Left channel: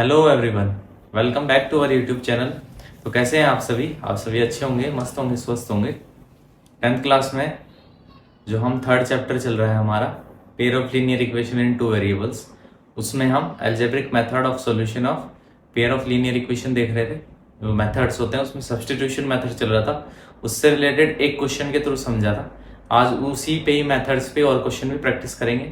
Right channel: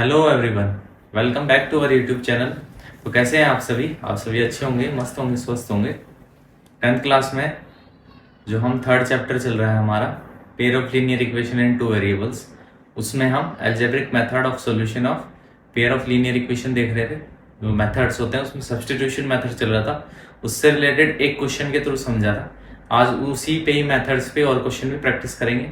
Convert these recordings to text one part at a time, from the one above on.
Hello everyone, welcome back to our YouTube channel. तो कैसे हैं आप सभी अच्छे होंगे, मस्त होंगे, स्वस्थ होंगे। 10th क्लास में जो हम थर्ड चैप्टर चल रहा है हमारा, pair of linear equation in two variables, उसमें हम algebraic method of solution of pair of linear equation देख रहे थे। जो मेथड्स होते हैं उसमें सब्स्टिट्यूशन मेथड चल रहा था, उससे रिलेटेड एक क्वेश्चन के थ्रू समझा था। आज उसी पे ही मेथड्स पे और क्वेश्चन भी प्रैक्टिस करेंगे।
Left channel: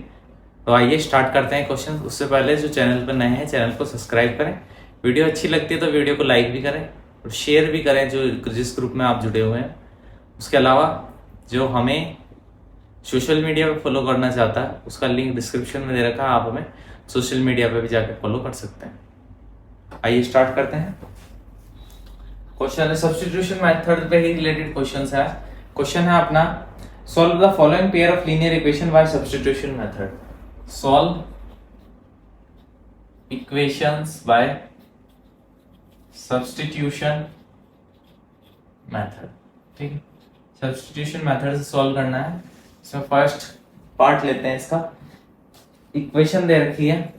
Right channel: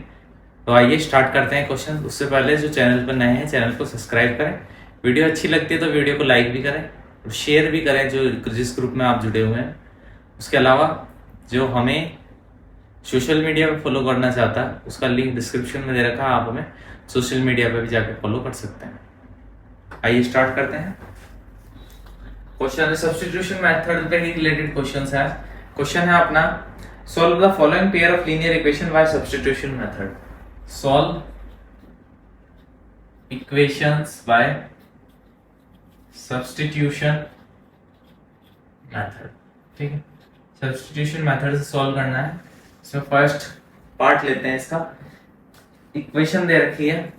तो आइए स्टार्ट करते हैं क्वेश्चन। उससे पहले जो चैनल पर नए हैं चैनल को सब्सक्राइब करें, वीडियो अच्छी लगती है तो वीडियो को लाइक भी करें और शेयर भी करें जो जिस ग्रुप में आप जुड़े हुए हैं। उसके अलावा जो हमें सोशल मीडिया पे फॉलो करना चाहता है उसका लिंक डिस्क्रिप्शन में दे रखा है, आप हमें सोशल मीडिया पे भी जाके फॉलो कर सकते हैं। आइए स्टार्ट करते हैं। क्वेश्चन सब्स्टिट्यूशन मेथड पे रिलेटेड क्वेश्चन है। क्वेश्चन है अपना, solve the following pair of linear equation by substitution method. Solve equations by substitution method। ठीक है, सब्स्टिट्यूशन मेथड से सॉल्व करना है। इसमें फर्स्ट पार्ट लेते हैं इसका। इक्वेशन दे रखी है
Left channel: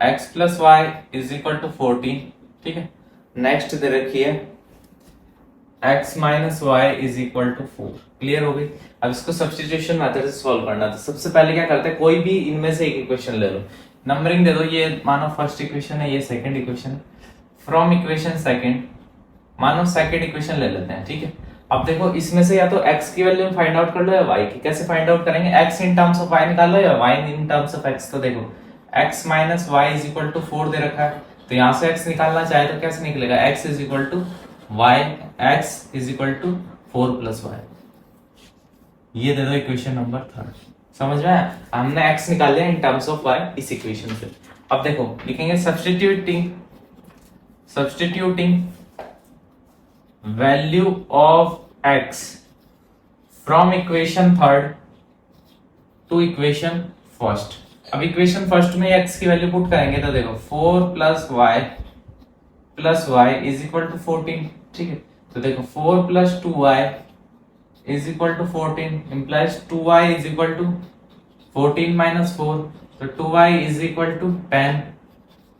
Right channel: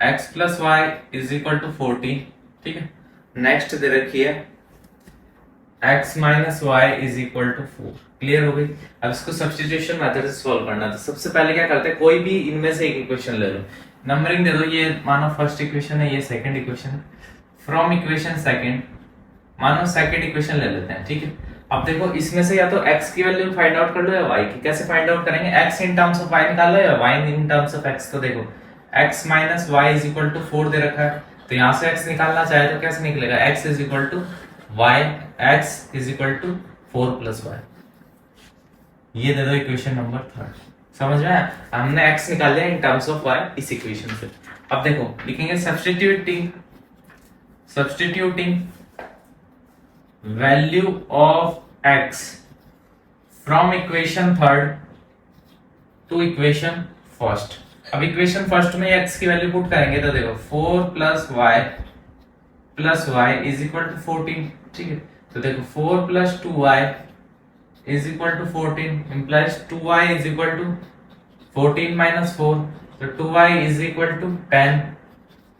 x plus Y is equal to 14। ठीक है, नेक्स्ट दे रखी है x minus Y is equal to 4। Clear हो गई। अब इसको सब्स्टिट्यूशन मेथड से सॉल्व करना। तो सबसे पहले क्या करते हैं, कोई भी इनमें से एक इक्वेशन ले लो, नंबरिंग दे दो। ये मानो फर्स्ट इक्वेशन है, ये सेकंड इक्वेशन है। फ्रॉम इक्वेशन सेकंड मानो सेकंड इक्वेशन ले लेते हैं। ठीक है, अब देखो इसमें से या तो x की वैल्यू फाइंड आउट कर लो या y की। कैसे फाइंड आउट करेंगे, x in terms of y निकाल लो या y in terms of x। तो देखो x minus Y is equal to 4 दे रखा है, तो यहां से x निकालना चाहे तो कैसे निकलेगा, x is equal to y, x is equal to 4 plus Y. ये दे दो इक्वेशन नंबर थर्ड। समझ में आया, हमने x निकाल लिया इन टर्म्स ऑफ y इस इक्वेशन से। अब देखो लिखेंगे substituting value of x from equation third to equation first. अब इक्वेशन फर्स्ट में x की वैल्यू पुट करेंगे तो देखो 4 plus Y is equal to 14। ठीक है, तो देखो 4 plus 2y is equal to 14 implies 2y is equal to 14 minus 4, तो 2y is equal to 10,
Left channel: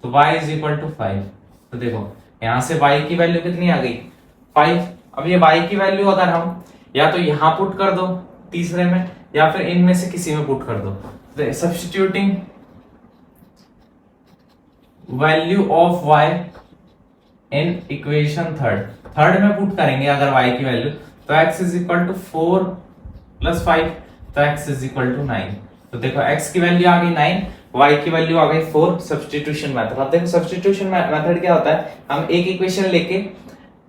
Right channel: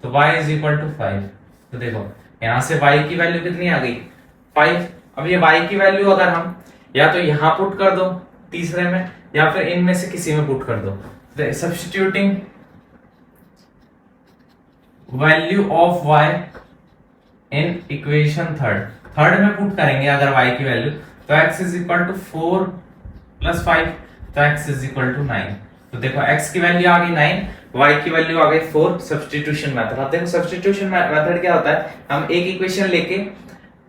तो y is equal to 5। तो देखो यहां से y की वैल्यू कितनी आ गई, 5। अब ये y की वैल्यू अगर हम या तो यहां पुट कर दो तीसरे में या फिर इनमें से किसी में पुट कर दो। Substituting value of y in equation third में पुट करेंगे अगर y की वैल्यू, तो x is equal to 4 plus 5, तो x इज इक्वल टू 9। तो देखो x की वैल्यू आ गई 9, y की वैल्यू आ गई 4। Substitution method. अब देखो सब्स्टिट्यूशन मेथड क्या होता है, हम एक इक्वेशन लेके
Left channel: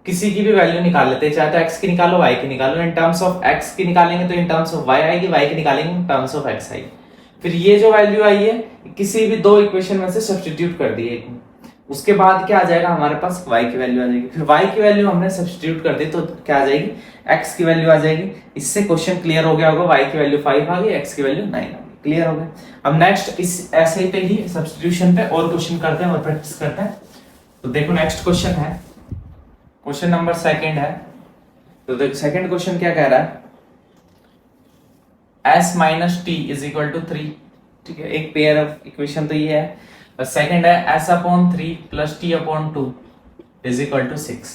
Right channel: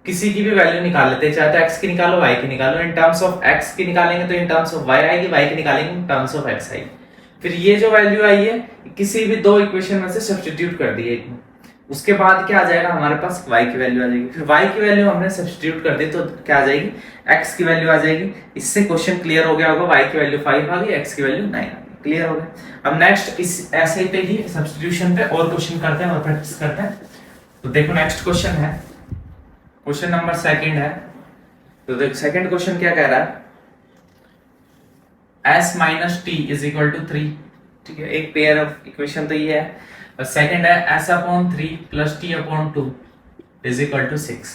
किसी की भी वैल्यू निकाल लेते हैं, चाहे तो x की निकालो y की निकालो। इन टर्म्स ऑफ x की निकालेंगे तो इन टर्म्स ऑफ y आएगी, y की निकालेंगे इन टर्म्स ऑफ x आएगी। फिर ये जो वैल्यू आई है किसी भी दो इक्वेशन में से सब्स्टिट्यूट कर दी है, उसके बाद क्या आ जाएगा हमारे पास y की वैल्यू आ जाएगी। फिर y की वैल्यू हमने सब्स्टिट्यूट कर दी तो क्या आ जाएगी, x की वैल्यू आ जाएगी। इससे क्वेश्चन क्लियर हो गया होगा, y की वैल्यू 5 आ गई, x की वैल्यू 9 आ गई। क्लियर हो गया। अब नेक्स्ट इस ऐसे पे ही सब्स्टिट्यूशन पे और क्वेश्चन करते हैं और प्रैक्टिस करते हैं। तो देखो नेक्स्ट क्वेश्चन है, क्वेश्चन नंबर सेकंड है। तो देखो सेकंड क्वेश्चन क्या कह रहा है, s minus T is equal to 3। ठीक है, एक पेयर ऑफ इक्वेशन तो ये है, और सेकंड है s upon 3 plus t upon 2 is equal to 6।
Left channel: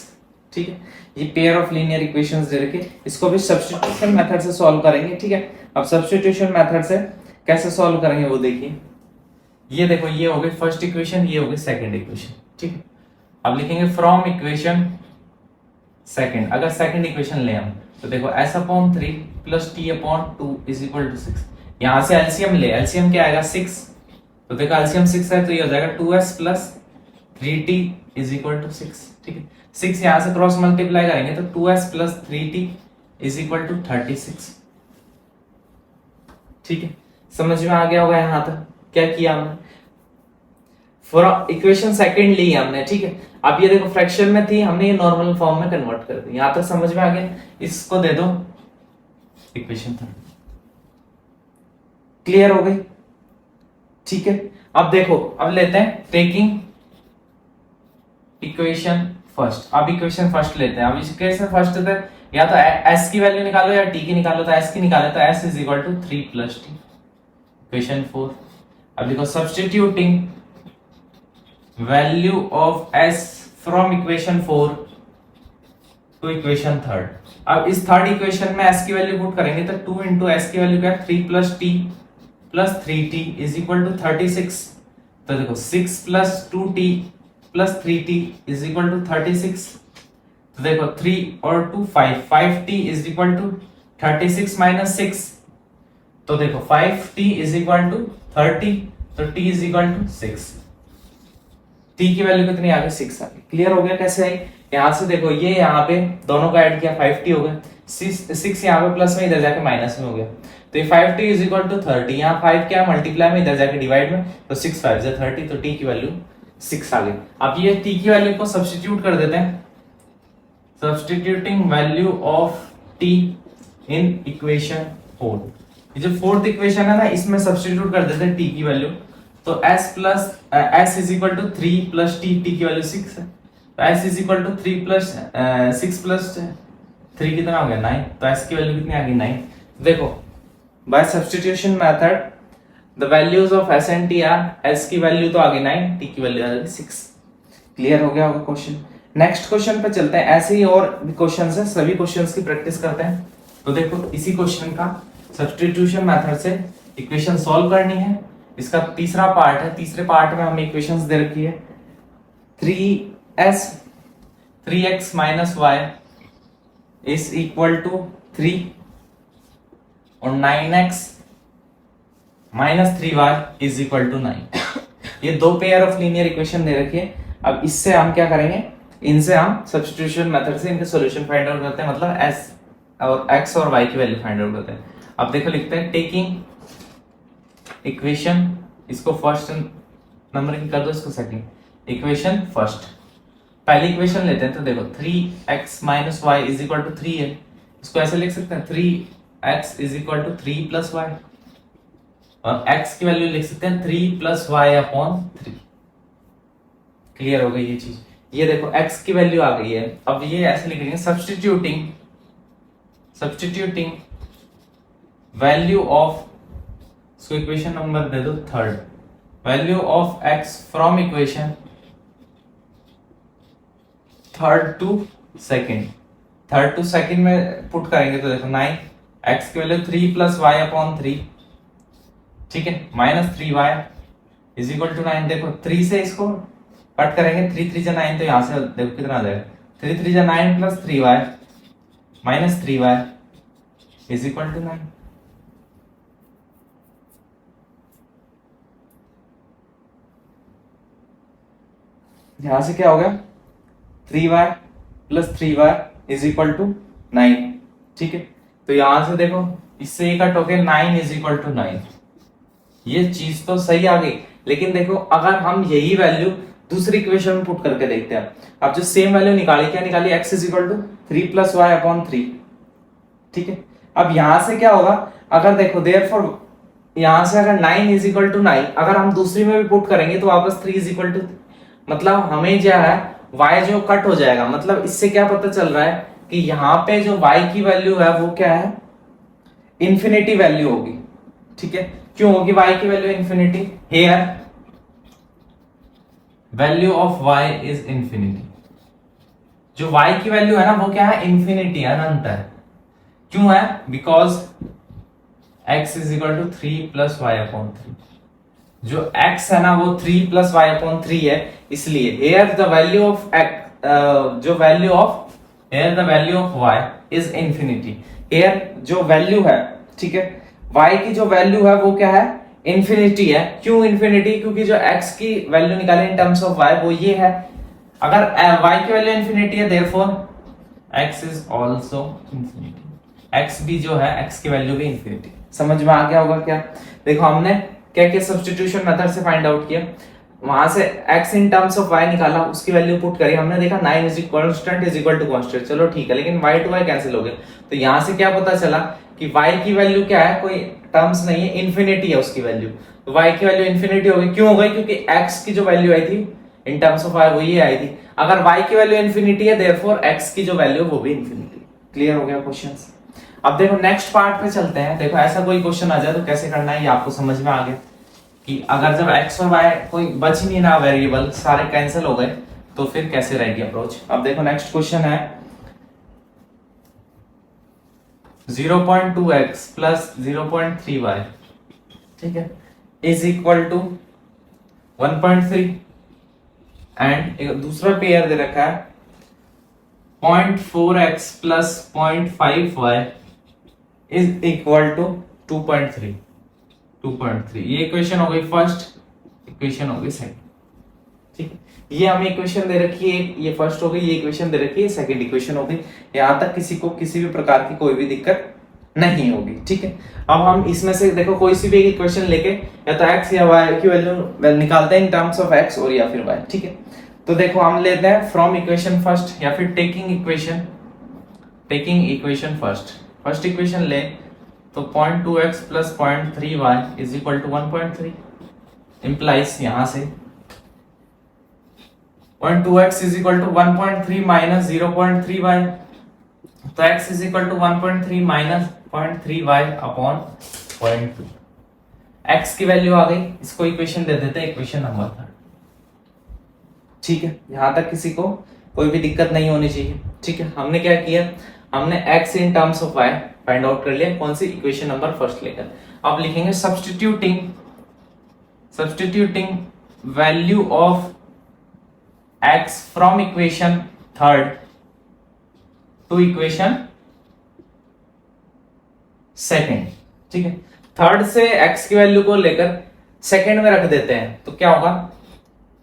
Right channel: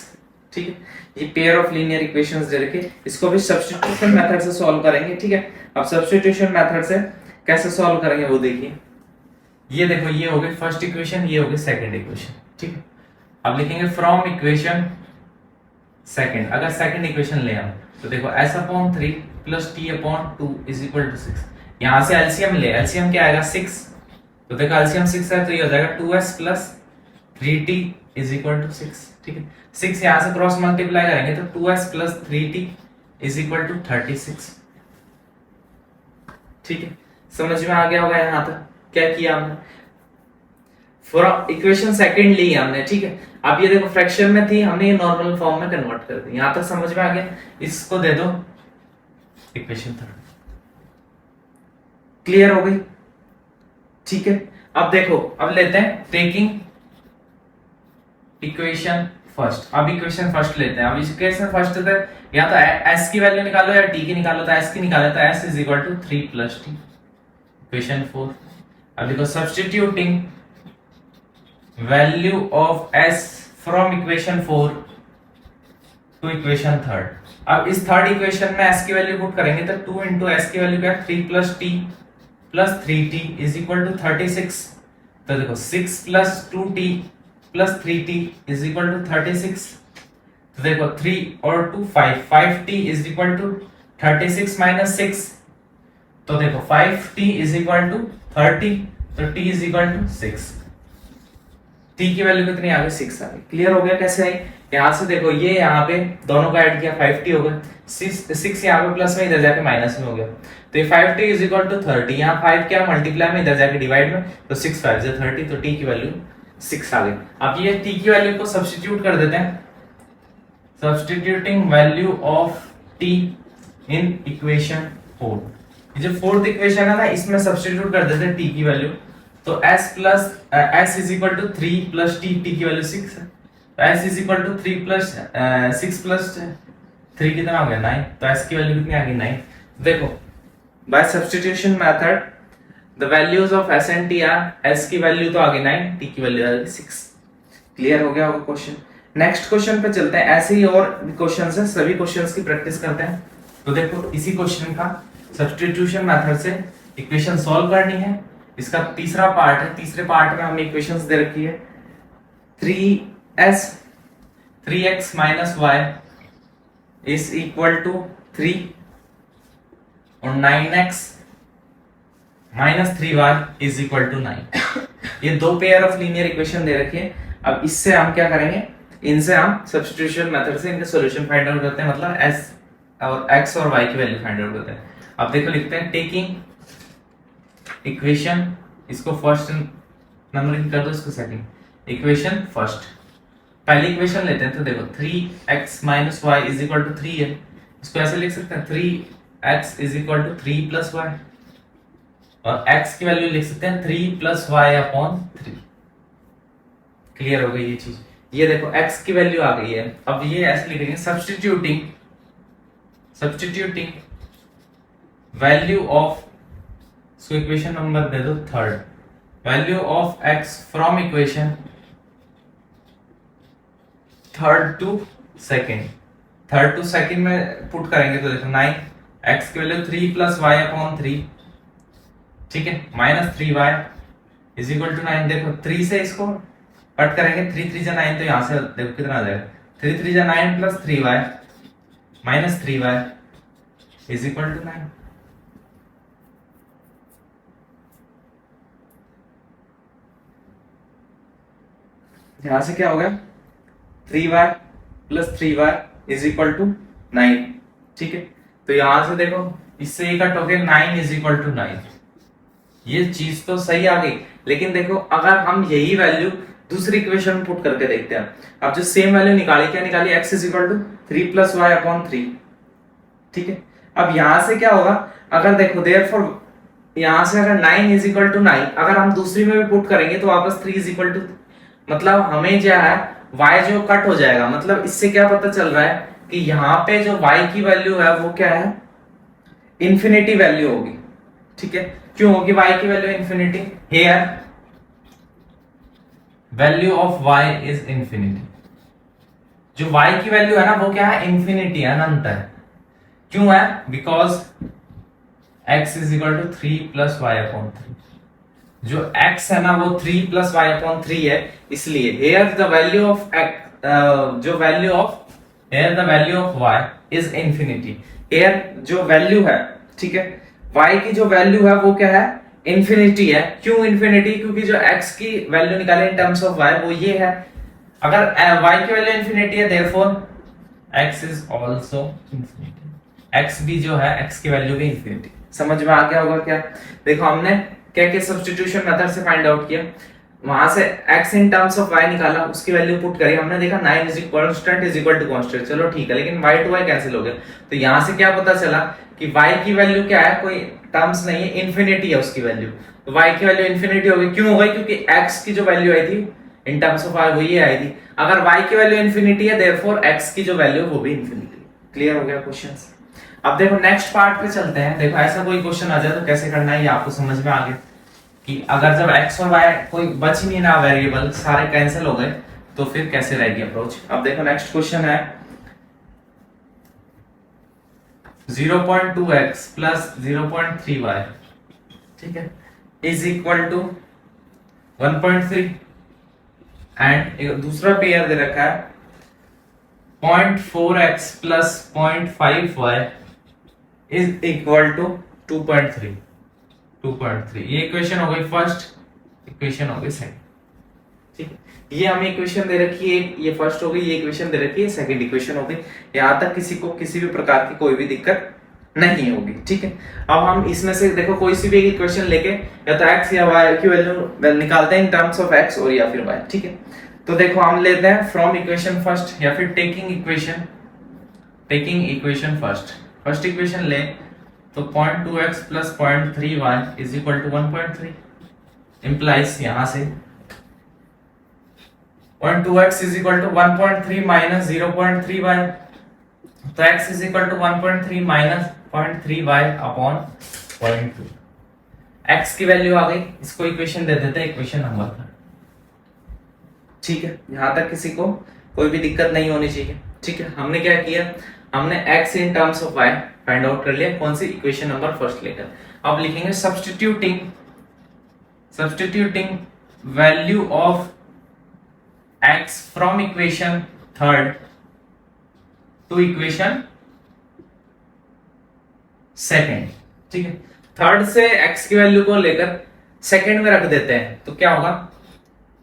ठीक है, ये पेयर ऑफ लीनियर इक्वेशंस दे रखे, इसको भी सब्स्टिट्यूशन मेथड से सॉल्व करेंगे। ठीक है, अब सब्स्टिट्यूशन मेथड से कैसे सॉल्व करेंगे वो देखिए। ये देखो ये हो गई फर्स्ट इक्वेशन, ये हो गई सेकंड इक्वेशन। ठीक है, अब लिखेंगे फ्रॉम इक्वेशन सेकंड। अगर सेकंड इक्वेशन ले हम तो देखो s upon 3 plus t upon 2 is equal to 6। यहां से एलसीएम ले, एलसीएम क्या आएगा 6, तो देखो एलसीएम 6 है तो ये हो जाएगा 2s plus 3t is equal to 6। ठीक है, 6 यहां से क्रॉस मल्टीप्लाई करेंगे तो 2s plus 3t is equal to 36। ठीक है, समझ में आ गया होगा यहां तक क्या किया हमने, इक्वेशन सेकंड ली हमने। ठीक है, अब ये देखो फ्रैक्शन में थी, हमने ये नॉर्मल फॉर्म में कन्वर्ट कर दी। यहां तक समझ में आ गया, इसको दे दो इक्वेशन थर्ड। क्लियर हो गई। ठीक है, अब देखो अब लेते हैं टेकिंग इक्वेशन फर्स्ट। अब इक्वेशन फर्स्ट लेते हैं। अब इक्वेशन फर्स्ट है या तो s की वैल्यू निकालो या t की निकालो, तो s की निकालो तो s is equal to 3 plus t। Equation 4। अब देखो substituting value of S from equation 4 to equation 3। अब इस थर्ड इक्वेशन में एस की वैल्यू पुट करेंगे तो 2 इंटू एस की वैल्यू क्या है 3 plus T plus 3t is equal to 36। तो देखो 6 plus 2t plus 3t is equal to 36। तो देखो 3 और 2 5, 5t is equal to 36 minus 6। तो देखो 5t इज इक्वल टू 30, तो t is equal to 6। t की वैल्यू कितनी आ गई 6 आ गई। क्लियर हो गया कैसे आई। यहां से देखो ये यहाँ पे दोनों का ऐड किया 5t हो गया, 6 यहाँ पे प्लस में इधर जाके माइनस में हो गया, तो ये 5t इज इक्वल टू 30। यहाँ 5 क्या मल्टीप्लाई में इधर जाके डिवाइड में, तो 6 5 से 30, तो t की वैल्यू 6 आ गई। अब ये t की वैल्यू को सब्स्टिट्यूट कर देते हैं, substituting value of t in equation 4। ये जो फोर्थ इक्वेशन है ना इसमें सब्स्टिट्यूट कर देते हैं t की वैल्यू, तो s is equal to 3 plus t, t की वैल्यू 6 है, तो s is equal to 3 plus 6 plus 3 कितना हो गया 9, तो s की वैल्यू कितनी आ गई 9। देखो by substitution method the values of s and t are, s की वैल्यू तो आ गई 9, t की वैल्यू आ गई 6। क्लियर हो गया होगा क्वेश्चन। नेक्स्ट क्वेश्चन पे चलते हैं। ऐसे ही और क्वेश्चंस है, सभी क्वेश्चंस की प्रैक्टिस करते हैं। तो देखो इसी क्वेश्चन का सब्स्टिट्यूशन मेथड से इक्वेशन सॉल्व करनी है। इसका तीसरा पार्ट है, तीसरे पार्ट में हमें इक्वेशंस दे रखी है 3x minus Y is equal to 3 और 9x minus 3y is equal to 9। ये दो पेयर ऑफ लीनियर इक्वेशन दे रखी है। अब इससे हम क्या करेंगे, इनसे हम सब्स्टिट्यूशन मेथड से इनके सॉल्यूशन फाइंड आउट करते हैं, मतलब s और x और y की वैल्यू फाइंड आउट करते हैं। अब देखो लिखते हैं टेकिंग इक्वेशन, इसको फर्स्ट नंबरिंग कर दो, इसको सेकंड इक्वेशन फर्स्ट। पहली इक्वेशन लेते हैं, तो देखो 3x minus Y is equal to 3 है, इसको ऐसे लिख सकते हैं 3x is equal to 3 plus Y, और x की वैल्यू लिख सकते हैं 3 प्लस वाई अपॉन 3। क्लियर हो गई ये चीज। ये देखो x की वैल्यू आ गई है। अब ये ऐसे लिखेंगे सब्स्टिट्यूटिंग वैल्यू ऑफ, इसको इक्वेशन नंबर दे दो third, value of x from equation third to second में पुट करेंगे, तो देखो 9 x की वैल्यू 3 प्लस वाई अपॉन 3, ठीक है, minus 3y is equal to 9। देखो 3 से इसको कट करेंगे, 3 3 जा 9, तो यहां से देखो कितना आ जाएगा 3 3 जा 9 plus 3y minus 3y is equal to 9। यहां से क्या हो गया 3y plus 3y is equal to 9, ठीक है। तो यहां से देखो इससे ये कट हो गया 9 इज इक्वल टू 9। ये चीज तो सही आ गई, लेकिन देखो अगर हम यही वैल्यू दूसरी इक्वेशन में पुट करके देखते हैं, अब जो सेम वैल्यू निकाली, क्या निकाली, x is equal to 3 plus Y upon 3, ठीक है। अब यहां से क्या होगा, अगर देखो देयरफॉर यहां से अगर 9 इज इक्वल टू 9 अगर हम दूसरी में भी पुट करेंगे तो वापस 3 इज इक्वल टू, मतलब हमें जो है y जो कट हो जाएगा। मतलब इससे क्या पता चल रहा है कि यहाँ पे जो y की वैल्यू है वो क्या है, इंफिनिटी वैल्यू होगी, ठीक है। क्यों होगी y की value infinity, here value of y is infinity. जो y की वैल्यू है ना वो क्या है, इंफिनिटी है, अनंत है। क्यों है, because x is equal to 3 plus Y upon 3। जो x है ना वो 3 प्लस वाई अपॉन 3 है, इसलिए here the value of x जो value of here the value of y is infinity। here जो वैल्यू है, ठीक है, y की जो वैल्यू है वो क्या है, इंफिनिटी है। क्यों इंफिनिटी, क्योंकि जो x की वैल्यू निकाले इन टर्म्स ऑफ y वो ये है। अगर y की वैल्यू इंफिनिटी है therefore x is also infinity, x भी जो है x की वैल्यू भी इंफिनिटी। समझ में आ गया होगा क्या। देखो हमने क्या क्या सब्स्टिट्यूशन मेथड से फाइंड आउट किया, वहां से x in terms of y निकाला, उसकी वैल्यू पुट करी, हमने देखा 9 इज इक्वल टू कांस्टेंट, चलो ठीक है, लेकिन y टू y कैंसिल हो गया। तो यहां से क्या पता चला कि y की वैल्यू क्या है, कोई टर्म्स नहीं है, इंफिनिटी है उसकी वैल्यू। तो y की वैल्यू इंफिनिटी हो गई। क्यों हो गई, क्योंकि x की जो वैल्यू आई थी इन टर्म्स ऑफ y वो ये आई थी। अगर y की वैल्यू इंफिनिटी है देयरफॉर x की जो वैल्यू वो भी इंफिनिटी। क्लियर हो गया क्वेश्चंस। अब देखो नेक्स्ट पार्ट पे चलते हैं। देखो ऐसा कोई क्वेश्चन आ जाए तो कैसे करना है ये आपको समझ में आ गया कि अगर जब x और y कोई बच ही नहीं ना वेरिएबल, सारे कैंसिल हो गए, तो फिर कैसे रहेगी अप्रोच। अब देखो नेक्स्ट क्वेश्चन है 0.2x प्लस 0.3y, ठीक है, इज इक्वल टू 1.3 एंड एक दूसरा पेयर दे रखा है 0.4x plus 0.5y is equal to 2.3। ये इक्वेशन हो गई फर्स्ट, इक्वेशन हो गई सेकंड, ठीक है। ये हमें इक्वेशन दे रखी है, ये फर्स्ट हो गई, ये इक्वेशन दे रखी है, सेकंड इक्वेशन हो गई। यहां तक किसी को किसी भी प्रकार की कोई भी दिक्कत नहीं होगी, ठीक है। अब हम इसमें से देखो कोई सी भी इक्वेशन लेके या तो x या y की वैल्यू निकालते हैं इन टर्म्स ऑफ x और या फिर y, ठीक है। तो देखो हम लेते हैं फ्रॉम इक्वेशन फर्स्ट या फिर टेकिंग इक्वेशन फर्स्ट इक्वेशन ले तो 0.2x प्लस 0.3y is equal to 1.3 implies यहां से 0.2x is equal to 1.3 minus 0.3y, तो x is equal to 1.3 minus 0.3y upon 0.2। x की वैल्यू आ गई, इसको इक्वेशन दे देते हैं इक्वेशन नंबर 3, ठीक है। यहां तक किसी को कोई भी दिक्कत नहीं होनी चाहिए, ठीक है। हमने क्या किया, हमने x in terms of y find out कर लिया, कौन सी इक्वेशन नंबर फर्स्ट लेकर। अब लिखेंगे substituting value of x from equation third to equation second, ठीक है। थर्ड से x की वैल्यू को लेकर सेकंड में रख देते हैं तो क्या होगा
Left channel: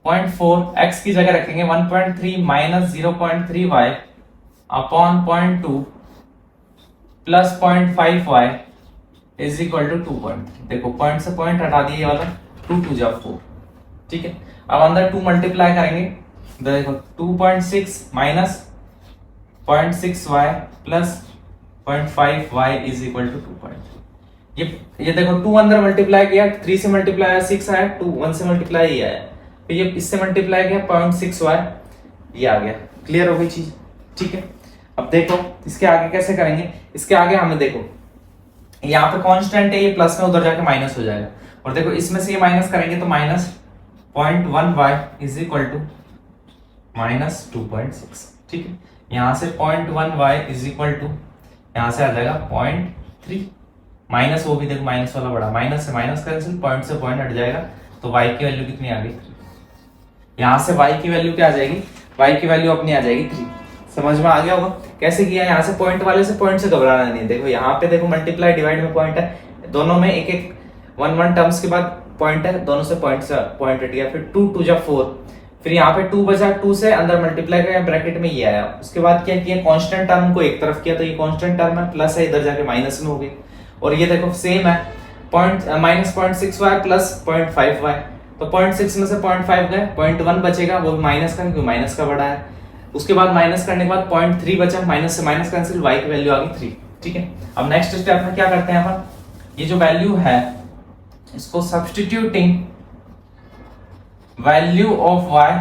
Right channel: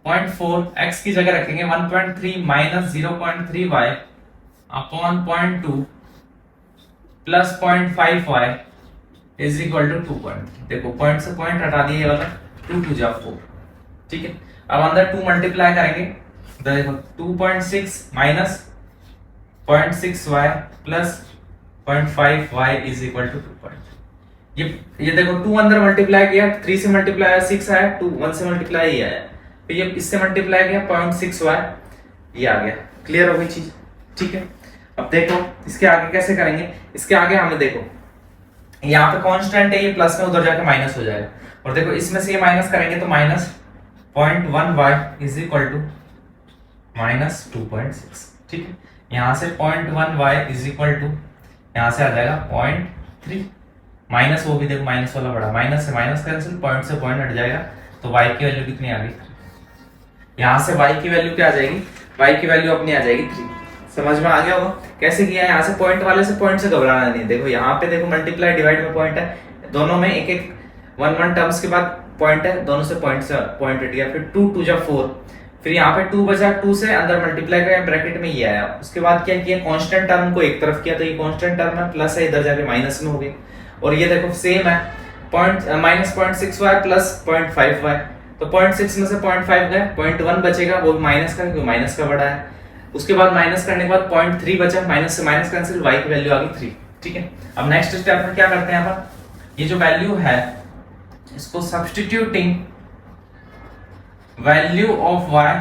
0.4 x की जगह रखेंगे 1.3 minus 0.3y upon 0.2 plus 0.5y is equal to 2.3। देखो पॉइंट से पॉइंट हटा दिए, ये वाला 2 2 जा 4, ठीक है। अब अंदर 2 मल्टीप्लाई करेंगे, देखो 2.6 minus 0.6y plus 0.5y is equal to 2.3। ये देखो 2 अंदर मल्टीप्लाई किया, 3 से मल्टीप्लाई आया 6 आया, 2 1 से मल्टीप्लाई ये आया, फिर ये इससे मल्टीप्लाई किया 0.6y ये आ गया। क्लियर हो गई चीज, ठीक है। अब देखो इसके आगे कैसे करेंगे, इसके आगे हमें देखो यहाँ पे कांस्टेंट है, ये प्लस में उधर जाके माइनस हो जाएगा, और देखो इसमें से ये माइनस करेंगे तो minus 0.1y is equal to minus 2.6, ठीक है। यहाँ से 0.1y इज इक्वल टू यहाँ से आ जाएगा 0.3 माइनस, वो भी देखो माइनस वाला बड़ा, माइनस से माइनस कैंसिल, पॉइंट से पॉइंट हट जाएगा, तो y की वैल्यू कितनी आ गई 3। यहाँ से y की वैल्यू क्या आ जाएगी, y की वैल्यू अपनी आ जाएगी 3। समझ में आ गया होगा कैसे किया है। यहाँ से पॉइंट वाले से पॉइंट से घबराना नहीं, देखो यहाँ पे देखो मल्टीप्लाई डिवाइड में पॉइंट है, दोनों में एक एक 1 1 टर्म्स के बाद पॉइंट है, दोनों से पॉइंट हट गया, फिर 2 2 जा 4, फिर यहाँ पे 2 बचा, 2 से अंदर मल्टीप्लाई किया ब्रैकेट में ये आया, उसके बाद क्या किया कांस्टेंट टर्म को एक तरफ किया, तो ये कांस्टेंट टर्म है प्लस है, इधर जाके माइनस में हो गई, और ये देखो सेम है point minus 0.6y plus 0.5y, तो 0.6 में से 0.5 गए, 0.1 बचेगा, वो माइनस का क्योंकि माइनस का बड़ा है, उसके बाद माइनस करने के बाद 0.3 बचा, माइनस से माइनस कैंसिल, y की वैल्यू आ गई 3, ठीक है। अब नेक्स्ट स्टेप में क्या करते हैं अपन, ये जो वैल्यू है इसको substituting value of y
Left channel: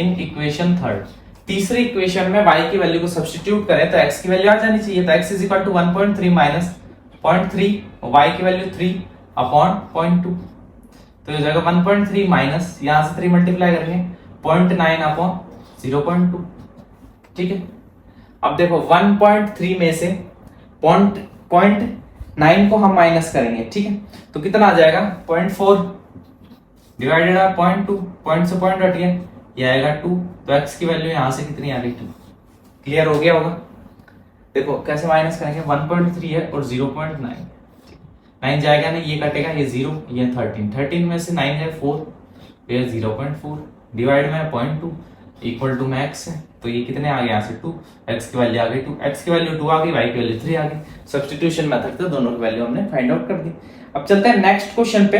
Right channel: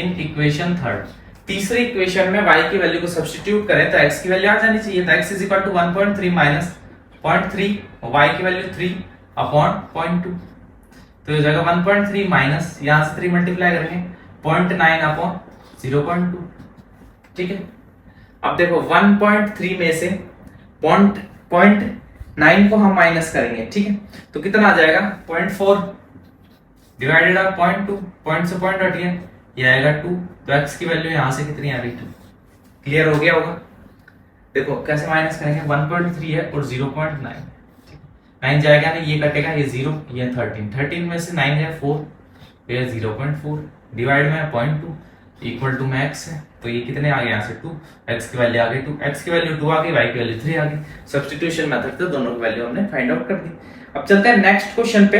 in equation third, तीसरी इक्वेशन में y की वैल्यू को सब्स्टिट्यूट करें तो x की वैल्यू आ जानी चाहिए, तो x is equal to 1.3 minus 0.3, y की वैल्यू 3 अपॉन 0.2, तो ये जाएगा 1.3 माइनस, यहां से 3 मल्टीप्लाई करेंगे 0.9 अपॉन 0.2, ठीक है। अब देखो 1.3 में से 0.9 को हम माइनस करेंगे, ठीक है, तो कितना आ जाएगा 0.4 डिवाइडेड बाय 0.2, पॉइंट से पॉइंट हट गया, ये आएगा 2, तो x की वैल्यू यहां से कितनी आ गई 2। क्लियर हो गया होगा। देखो कैसे माइनस करेंगे, 1.3 है और 0.9, 9 जाएगा नहीं, ये कटेगा, ये 0, ये 13 में से 9 है 4, ये 0.4 डिवाइड में 0.2 इक्वल टू में x है, तो ये कितने आ गए यहाँ से 2, x की वैल्यू आ गई 2, x की वैल्यू 2 आ गई, y की वैल्यू 3 आ गई। सब्स्टिट्यूशन मेथड से दोनों की वैल्यू हमने फाइंड आउट कर दी। अब चलते हैं नेक्स्ट क्वेश्चन पे,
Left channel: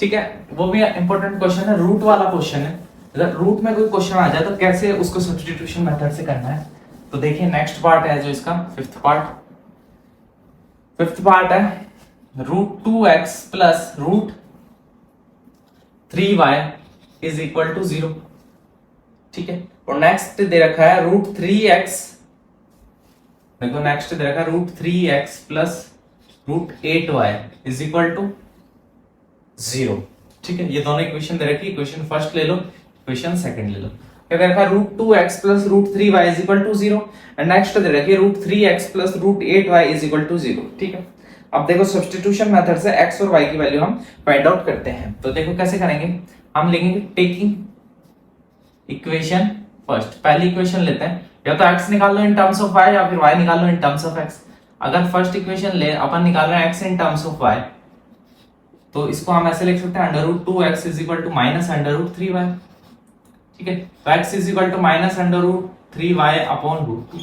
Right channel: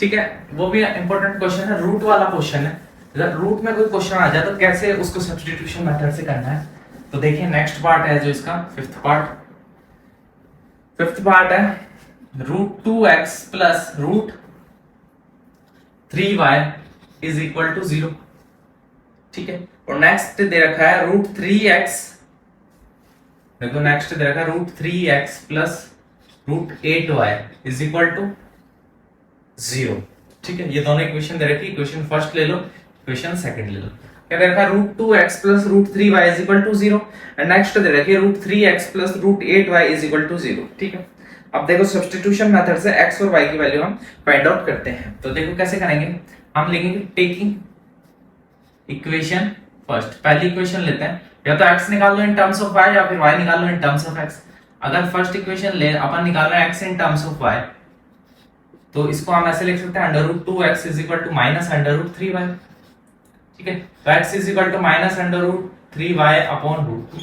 ठीक है, वो भी इंपॉर्टेंट क्वेश्चन है, रूट वाला क्वेश्चन है। अगर रूट में कोई क्वेश्चन आ जाए तो कैसे उसको सब्स्टिट्यूशन मेथड से करना है, तो देखिए नेक्स्ट पार्ट है जो इसका फिफ्थ पार्ट है √2x plus √3y is equal to 0, ठीक है। और नेक्स्ट दे रखा है √3x, देखो नेक्स्ट दे रखा है √3x plus √8y is equal to 0। ठीक है, ये दोनों इक्वेशन दे रखी, इक्वेशन फर्स्ट ले लो, इक्वेशन सेकंड ले लो। क्या दे रखा है, √2x + √3y = 0 एंड नेक्स्ट दे रखी है √3x + √8y = 0। ठीक है, अब देखो सब्स्टिट्यूशन मेथड से x और y की वैल्यू हम फाइंड आउट करते हैं। तो देखो कैसे करेंगे, हम लेंगे टेकिंग इक्वेशन फर्स्ट, पहली इक्वेशन लेते हैं, या तो x निकाल लो इन टर्म्स ऑफ y या फिर y निकाल लो इन टर्म्स ऑफ x। अगर फर्स्ट इक्वेशन ले अपन निकाल रहे हैं x in terms of y, तो इसको हम ऐसे लिख सकते हैं √2x = -√3y। ठीक है, तो x = -√3y/√2,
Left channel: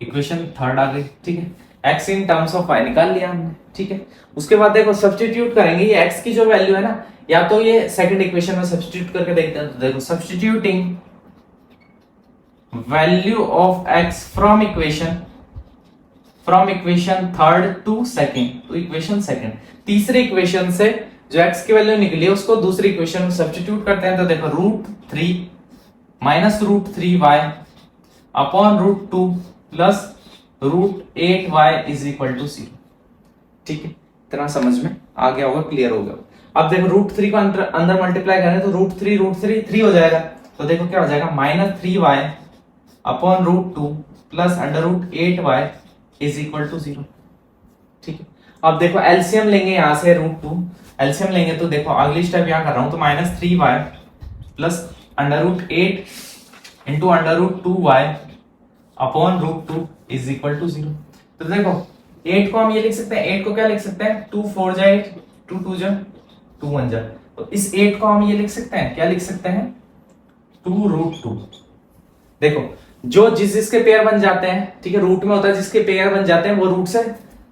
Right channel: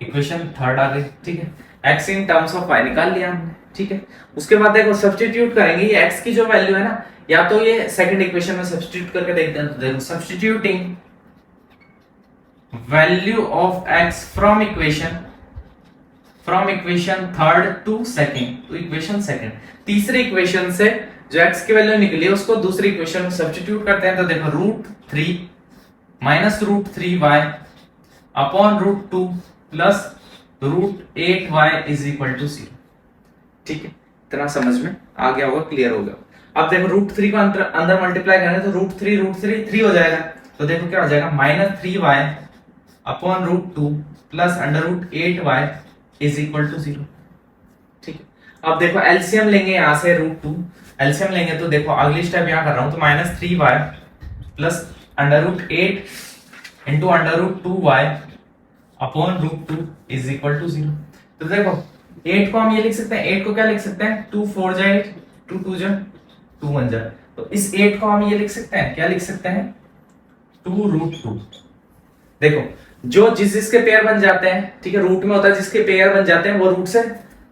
इक्वेशन थर्ड आ गई। ठीक है, x in terms of y निकाल लिया हमने। ठीक है, उसके बाद देखो सब्स्टिट्यूट करेंगे, ये x की जो वैल्यू है ना, या तो ये सेकंड इक्वेशन में सब्स्टिट्यूट करके देखते हैं। तो देखो substituting value of x from equation third to second, तो इक्वेशन सेकंड, तीसरे इक्वेशन से जो x की वैल्यू निकली है उसको दूसरी इक्वेशन में सब्स्टिट्यूट करते हैं। तो देखो √3 -√3y अपॉन √2 प्लस √8y = 0। ठीक है, इतना समझ में आ गया होगा, क्लियर हो गया। अब देखो √3 को अंदर मल्टीप्लाई करें तो √3 3 हो जाएगा। तो देखो क्या हो जाएगा, -3y अपॉन √2 प्लस √8y = 0। ठीक है, अब देखो एलसीएम लेंगे यहां से √2, एलसीएम लेंगे तो देखो अगली स्टेप यहां कर रहा हूं, तो -3y plus √8 into √2y upon √2 = 0। तो देखो 8 को हम ये लिख सकते हैं, 8 को क्या लिख सकते हैं, 2 4 जा 8, 2 2 जा 2 1 जा, तो इस 8 को हम ये लिख सकते हैं, क्या लिख सकते हैं, 2√2। देखो जो जिसके पेयर बन जाते हैं, ठीक है, रूट में होता है जिसके पेयर बन जाते हैं वो रूट से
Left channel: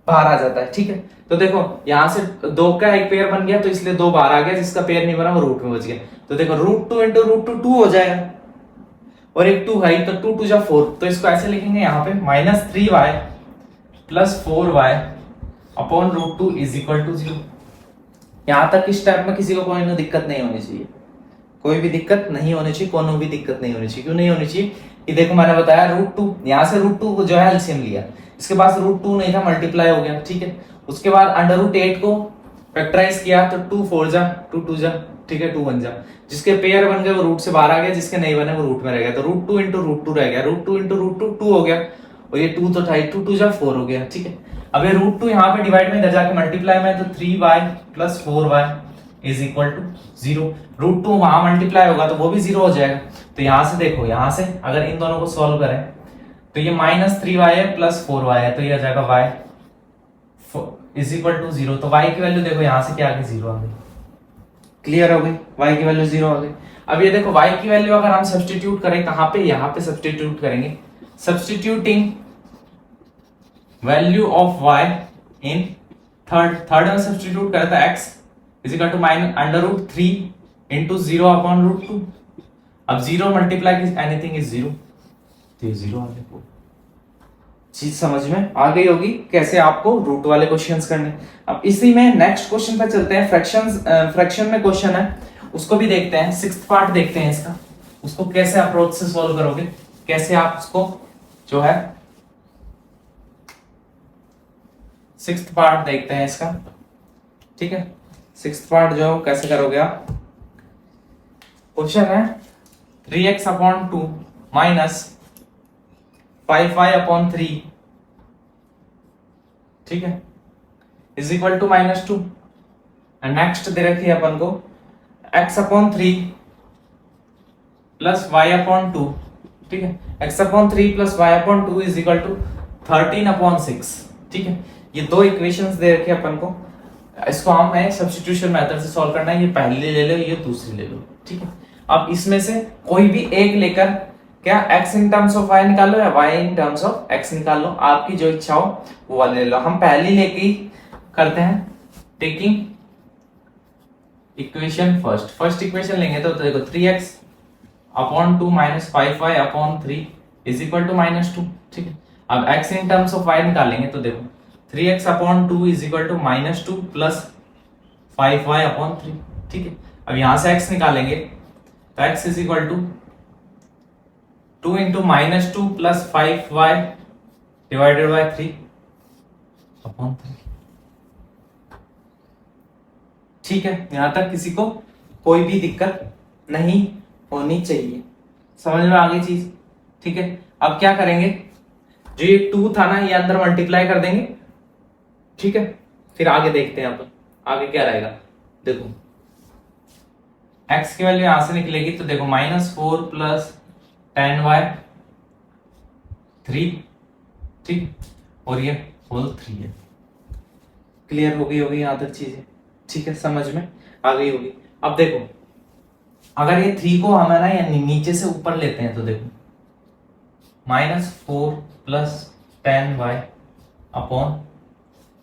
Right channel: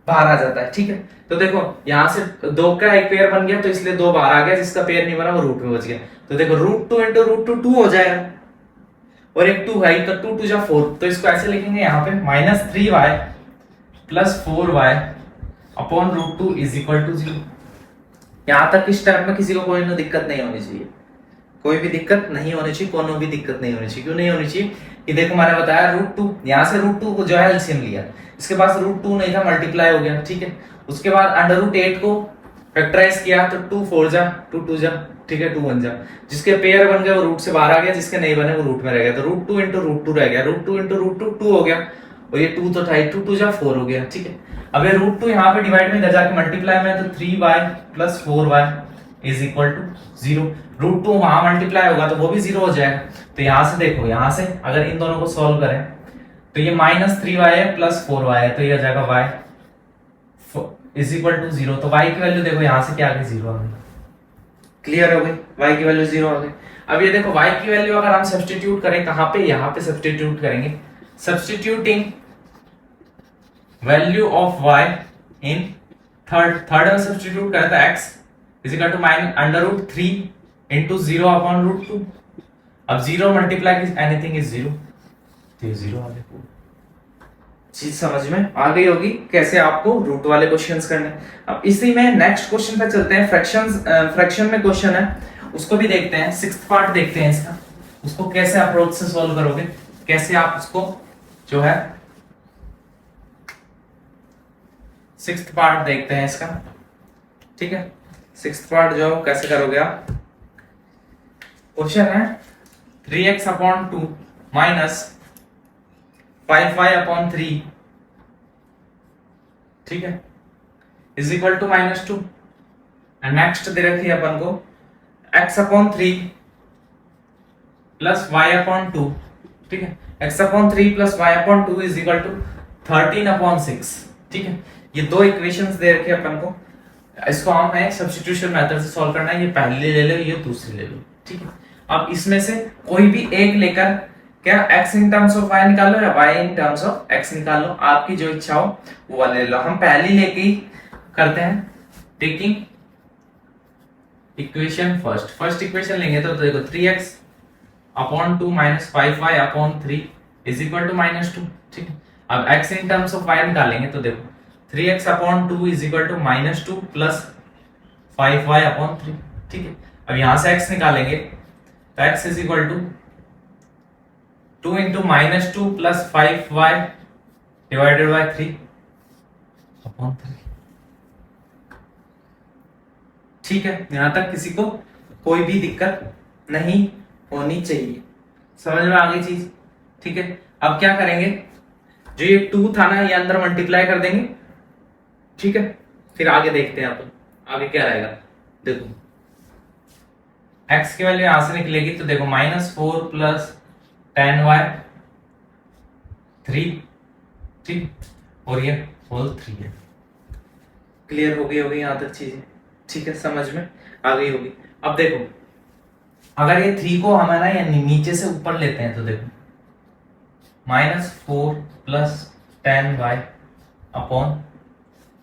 बाहर आ जाता है। ठीक है, तो देखो यहां से 2 का एक पेयर बन गया तो इसलिए 2 बाहर आ गया, जिसका पेयर नहीं बना वो रूट में बच गया। तो देखो √2 इंटू √2 2 हो जाएगा, और एक 2 है तो 2 2 जा 4, तो इसको ऐसे लिखेंगे यहाँ पे -3y प्लस 4y अपॉन √2 = 0। यहां तक इस स्टेप में किसी को कोई दिक्कत नहीं होनी चाहिए, कोई भी दिक्कत नहीं होनी चाहिए, कोनो भी दिक्कत नहीं होनी चाहिए। क्यों नहीं होनी चाहिए, कि देखो मैंने बताया √2, यहां से √2 को जो है एलसीएम लिया, इसके पास √2 नहीं था, मल्टीप्लाई हो गया। ठीक है, उसके बाद √8 को फैक्टराइज किया तो 2 4 जा 2 2 जा, ठीक है, 2 1 जा, जिसके पेयर बन गए वो रूट से बाहर आ गया, जिसके नहीं बने वो रूट में रह गया। तो √2 इंटू √2 रह गया, √2 इंटू √2 2 हो गया, और ये 2 तो था, 2 2 जा 4 हो गया। ठीक है, अब ये √2 यहाँ पे डिवाइड में जाके मल्टीप्लाई में, तो 3y प्लस 4y = 0। √2 वहां मल्टीप्लाई होगा तो वो भी 0 हो जाएगा। तो यहां से देखो, यहां से अगर इन दोनों को सॉल्व करें तो ये -3y है प्लस 4y है, तो ये आ जाएगा y = 0। तो y की वैल्यू देखो यहां से क्या आ गई, 0 आ गई। क्लियर हो गई, y की वैल्यू 0 आ गई। अब ये देखो y की वैल्यू अगर हम सब्स्टिट्यूट करें कहां पे, यहां पे सब्स्टिट्यूट करेंगे, substituting value of y in third में सब्स्टिट्यूट करें तो x = -√3 इंटू 0 अपॉन √2। अब 0 मल्टीप्लाई की एनीथिंग इज 0, तो 0 आ गया। चीज समझ में आ गई होगी कैसे आपको रूट वाले क्वेश्चंस करने। अब इसी में नेक्स्ट क्वेश्चन पे चलते हैं, फ्रैक्शन में क्वेश्चन है, उसको भी देखते हैं, 6th पार्ट देखते हैं इसका, उसको कैसे अप्रोच से सॉल्व करोगे, कैसे आप उसको जो है 6th पार्ट देखते हैं इसका। ठीक है, 6th पार्ट जो कैसे करोगे आप, क्वेश्चन है 3x/2 माइनस 5y/3, ठीक है, = -2। एंड नेक्स्ट दे रखी है अपन को x/3 प्लस y/2, ठीक है, x/3 प्लस y/2 = 13/6। ठीक है, ये दो इक्वेशंस दे रखे अपन को, इसको हमें सब्स्टिट्यूशन मेथड से सॉल्व करना है। ये पहली ले लो, ये दूसरी ले लो। ठीक है, अब इसमें से कोई भी एक लेकर क्या x in terms of y निकाल लो या y in terms of x निकाल लो, आपकी जो इच्छा हो वो वाले ले लो। हम पहली लेके ही करते हैं, टेकिंग इक्वेशन फर्स्ट इक्वेशन लेंगे तो देखो 3x/2 माइनस 5y/3 = -2। ठीक है, अब x in terms of y निकालेंगे तो देखो 3x/2 = -2 प्लस 5y/3। ठीक है, अब यहां से x निकालेंगे तो x = 2 into -2 plus 5y divided by 3/3। ठीक है, यहां तक किसी को कोई भी दिक्कत नहीं होनी चाहिए, समझ में आ गई चीज। ठीक है, अब क्या करेंगे, जो ये 2 था ना, ये अंदर मल्टीप्लाई कर देंगे। ठीक है, फिर आगे देखते हैं अपन आगे क्या रहेगा। देखो x की वैल्यू यहां से निकलेगी, तो देखो -4 प्लस 10y 3, ठीक, और ये होल 3 है। क्लियर हो गई होगी यहां तक चीजें? ठीक है, समझ में आ गई होगी। अब देखो, अगर ये 3 को हमारा या नीचे से ऊपर लेते हैं तो देखो -4 प्लस 10y अपॉन,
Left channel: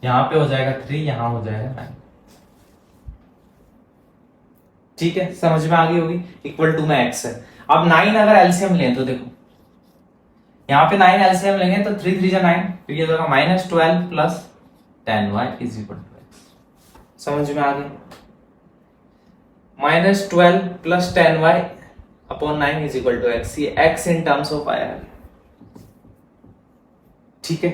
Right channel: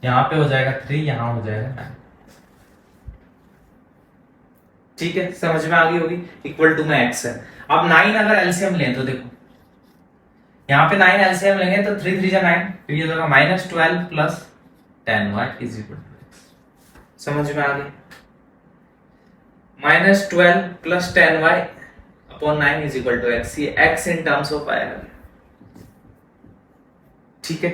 यहां पे हो जाएगा 3, यहां हो जाएगा 9। ठीक है, समझ में आ गई होगी। इक्वल टू में x है। अब 9 अगर एलसीएम लें तो देखो, यहाँ पे 9 एलसीएम लेंगे तो 3 3 जा 9, तो ये होगा -12 plus 10y is equal to x। समझ में आ गई? -12 plus 10y upon 9 is equal to x। ये x in terms of y है। ठीक है,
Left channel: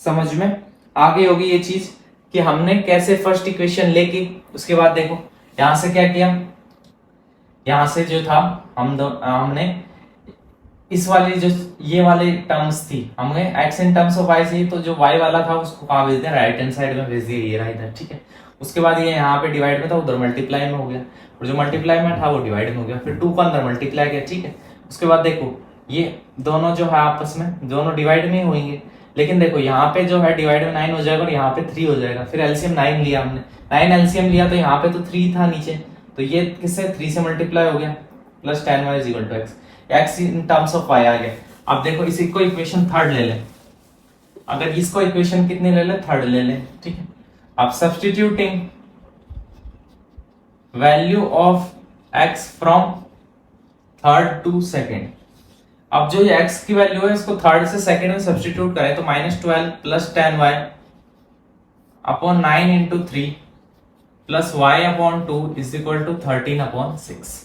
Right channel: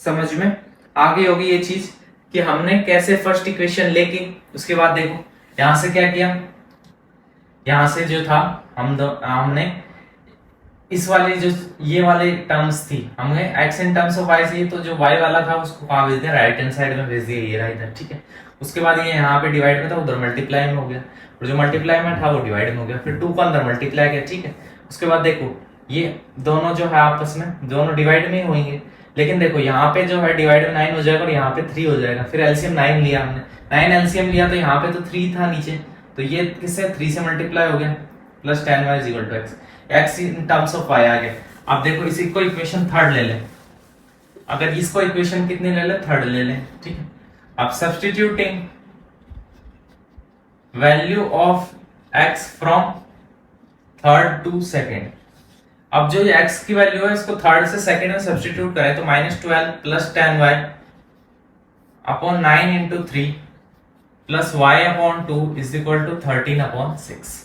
समझ में आ गई होगी ये चीज कि हमने कैसे फर्स्ट इक्वेशन लेके उसके बाद देखो यहां से क्या किया, यहां से जो था हमने इस वाले जो ये वाले टर्म्स थी, हमें x in terms of y चाहिए, तो जो y वाला था उसको कहां भेज दिया, राइट हैंड साइड में भेज दिया, ये रहा इधर। ठीक है, उसके बाद ये यहाँ पे डिवाइड में था, उधर मल्टीप्लाई में हो गया, और जो मल्टीप्लाई में था वो डिवाइड में हो गया, फिर 2 को अंदर मल्टीप्लाई किया। ठीक है, उसके बाद देखो ये दोनों जो है आपस में दोनों डिवाइड में ही होंगे, लेकिन देखो यहाँ पे जो है डिवाइड में 9 हो जाएगा और यहाँ पे 3 हो जाएगा। फिर एलसीएम 9 लिया हमने, 9 एलसीएम लिया, तो यहाँ पे तो 3 था नीचे, तो ये किससे 3 से मल्टीप्लाई हो गया, plus 10y is equal to x, x in terms of y आ गया। अब देखो इसी को इक्वेशन थर्ड ले लें, अगर इसको इक्वेशन कितनी ले लें, थर्ड ले लें। ठीक है, अब substituting value of x from third to second, अब जो ये x की वैल्यू है इसको थर्ड से सेकेंड में सब्स्टिट्यूट करें तो -12 plus 10y upon 9 into 3 plus y upon 2 is equal to 13 upon 6।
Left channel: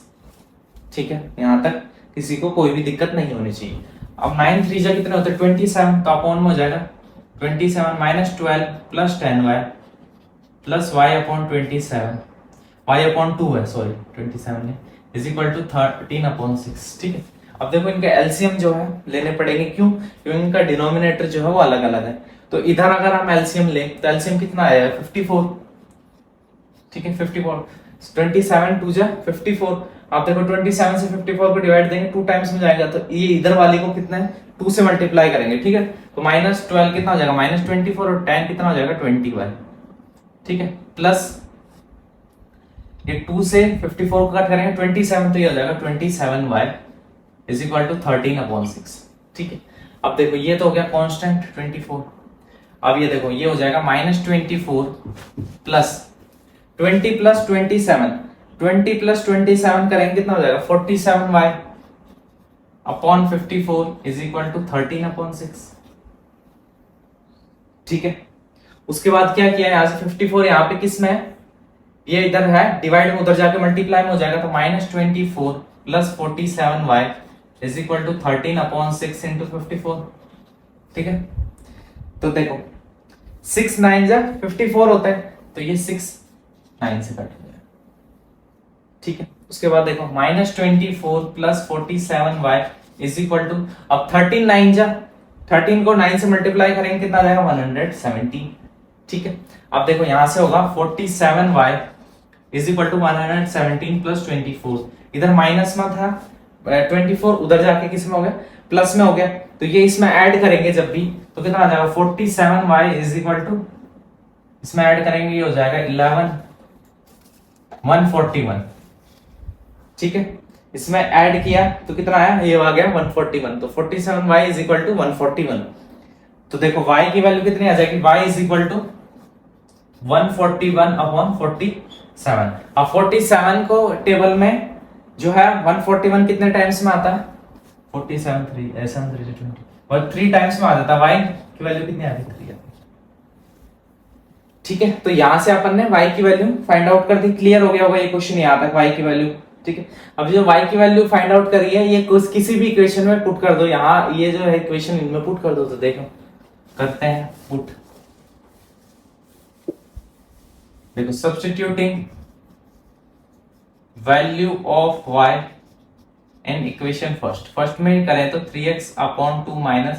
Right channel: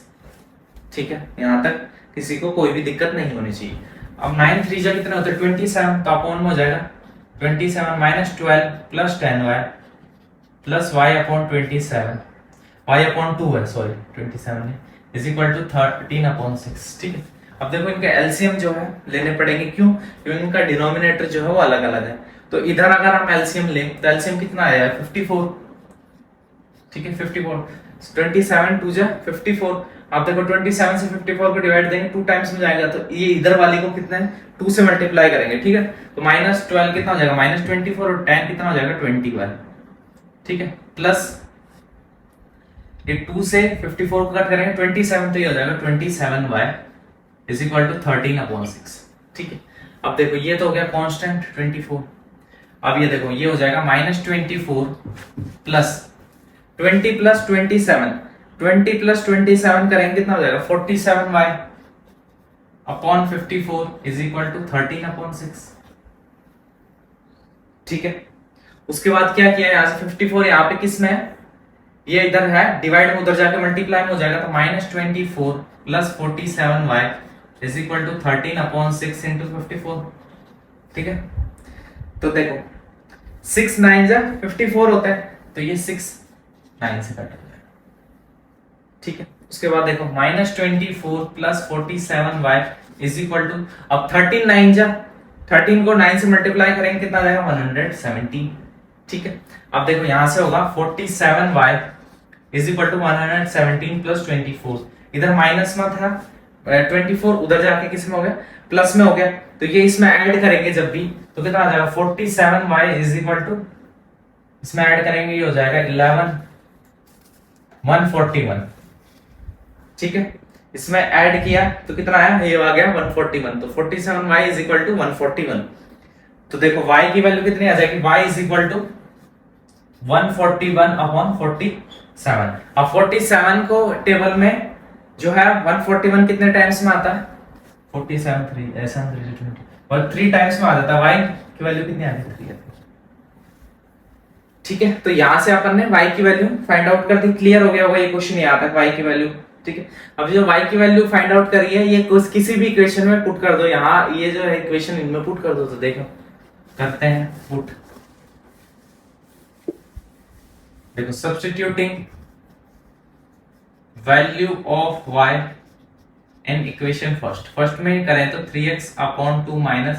ठीक है, यहां तक किसी को कोई भी दिक्कत नहीं होनी चाहिए। अब 9 3 जा कितने होते हैं, 27, तो अपॉन में हो जाएगा 27 -12 plus 10y plus y upon 27, y upon 2 है, सॉरी 27 नहीं, इज इक्वल टू 13 अपॉन 6। ठीक है, अब देखो इनके एलसीएम जो है लेने पड़ेंगे, क्यों, क्योंकि इनका डिनोमिनेटर जो है वो अलग अलग है। तो इधर अगर हम एलसीएम लें तो एलसीएम कितना आएगा, 54। ठीक है, 54, 27 2 जा 54। आप देखो 27 से 54 को डिवाइड देंगे 2 टाइम्स में जाएगा, तो ये इधर वाले को कितना है 2 से मल्टीप्लाई करेंगे। ठीक है, तो -12 कितना हो जाएगा, -24, और 10 कितना हो जाएगा 21। ठीक है, प्लस ये 2 से 54 को कट करेंगे 27, तो ये हो जाएगा 27y is equal to 13 upon 6। ठीक है, अब देखो ये तो हो गया कांस्टेंट 24। अब ये देखो ये हो जाएगा -24 प्लस 20 प्लस 27, 20 प्लस 27 करेंगे कितना हो जाएगा 47y upon 54 is equal to 13 upon 6। ठीक है, उसके बाद क्या किया, यहां से 54 यहाँ पे किस में है, ये इधर है डिवाइड में, उधर जाके मल्टीप्लाई में हो जाएगा, तो -24 plus 47y is equal to 13 upon 6 into 54। ठीक है, तो देखो 6 9 जा 54 होता है, तो ये 6 9 से कट हो जाएगा। ठीक है, उसके बाद देखो -24 plus 47y is equal to, अब 13 9 जा 13 को 9 से मल्टीप्लाई करेंगे कितना आ जाएगा 117। ठीक है, अब देखो यहां से होगा 47y is equal to 117 plus 24, इधर माइनस में था 24, उधर जाके किस में हो गया, प्लस में हो गया, तो ये इसमें ऐड करेंगे जब भी तो कितना आ जाएगा 47y इज इक्वल टू, इसमें ऐड करेंगे ये हो जाएगा 141। ठीक है, इसमें ऐड किया तो कितना आया, ये आ गया 141, तो 47y इज इक्वल टू 141। तो देखो y की वैल्यू कितनी आ जाएगी, y is equal to 141 upon 47। अब 47 को टेबल में जो है 141 कितने टाइम्स में आता है, 47 3 ऐसा 3 20 और 3 टाइम्स में आ जाता है, y की वैल्यू कितनी आ जाती है 3। ठीक है, तो यहां से अपन ने y की वैल्यू फाइंड आउट कर दी। क्लियर हो गया होगा ये क्वेश्चन यहाँ तक y की वैल्यू। ठीक है, अब जो y की वैल्यू फाइंड आउट करी है ये किसी भी इक्वेशन में पुट कर दो, यहाँ ये जो है इक्वेशन इनमें पुट कर दो, तो देखो करते हैं पुट। देखो substituting value of y in equation first में करें तो 3x upon 2 minus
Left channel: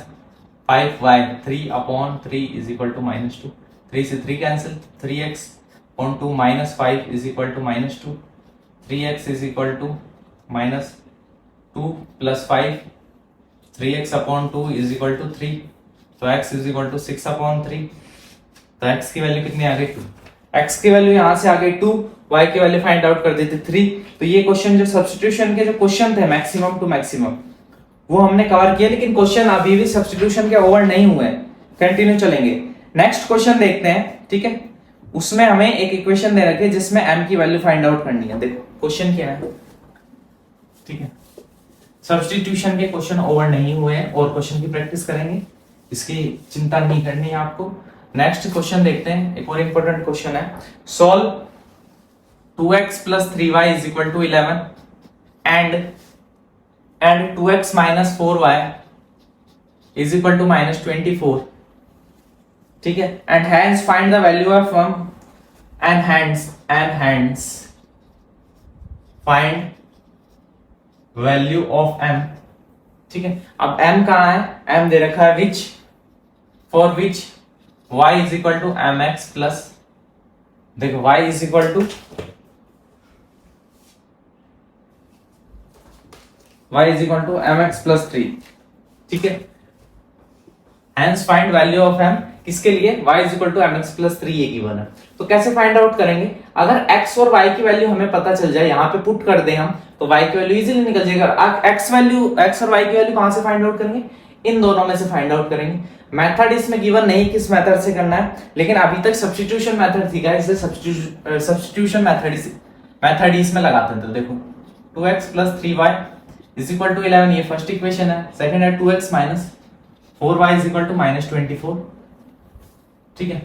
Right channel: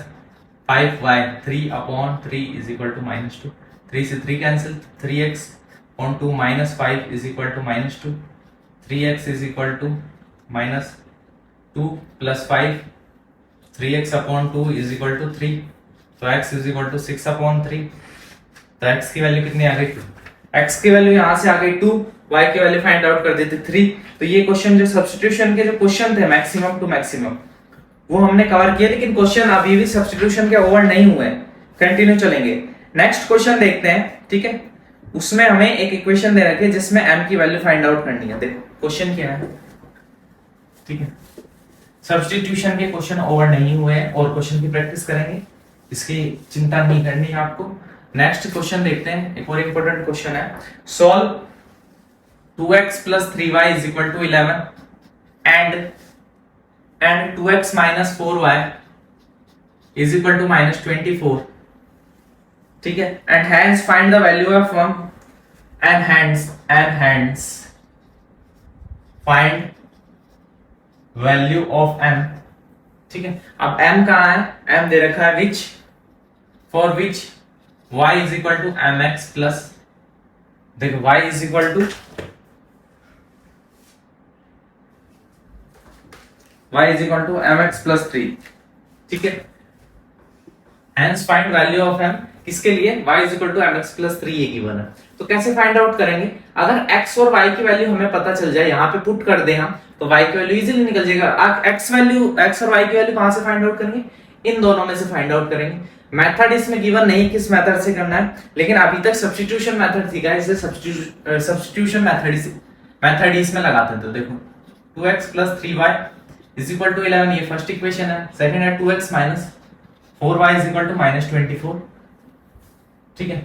5y 3 upon 3 is equal to -2, 3 से 3 cancel, 3x upon 2 minus 5 is equal to -2, 3x is equal to -2 plus 5, 3x upon 2 is equal to 3, तो x is equal to 6 upon 3, तो x की वैल्यू कितनी आ गई 2, x की value यहां से आ गई 2, y की वैल्यू फाइंड आउट कर देते 3। तो ये क्वेश्चन जो सब्स्टिट्यूशन के जो क्वेश्चन थे मैक्सिमम टू मैक्सिमम वो हमने कवर किए, लेकिन क्वेश्चन अभी भी सब्स्टिट्यूशन के ओवर नहीं हुए, कंटिन्यू चलेंगे। नेक्स्ट क्वेश्चन देखते हैं, ठीक है। उसमें हमें एक इक्वेशन दे रखी है जिसमें m की वैल्यू फाइंड आउट करनी है। देखो क्वेश्चन क्या है, ठीक है। सब्स्टिट्यूशन के क्वेश्चन ओवर नहीं हुए हैं और क्वेश्चन की प्रैक्टिस करेंगे, इसकी चिंता नहीं करनी है आपको। नेक्स्ट क्वेश्चन देखते हैं, एक और इंपॉर्टेंट क्वेश्चन है। Solve 2x plus 3y is equal to 11 and 2x minus 4y is equal to -24, ठीक है। and hence find the value of and hence find value of m, ठीक है। अब m कहाँ है, m दे रखा है which, for which y is equal to mx plus, देखो y is equal to y is equal to mx plus 3, ठीक है। hence find value of m, किसके लिए, y is equal to mx plus 3 ये given है। तो कैसे find out करेंगे, अगर x और y की वैल्यू हमें पता चल जाए, यहाँ पे पुट कर दे हम, तो y की वैल्यू इजीली निकल जाएगा। x और y की वैल्यू कहां से फाइंड आउट करेंगे, इन दोनों में से फाइंड आउट करेंगे। मेथड इसमें गिवन नहीं किस मेथड से करना है, लेकिन अभी तक सब्स्टिट्यूशन मेथड थी गाइस, इसलिए सब्स्टिट्यूशन मेथड इसमें लगाते हैं। तो देखो 2x plus 3y is equal to 11, ये फर्स्ट इक्वेशन है। सेकंड है 2x minus 4y is equal to -24, ठीक है।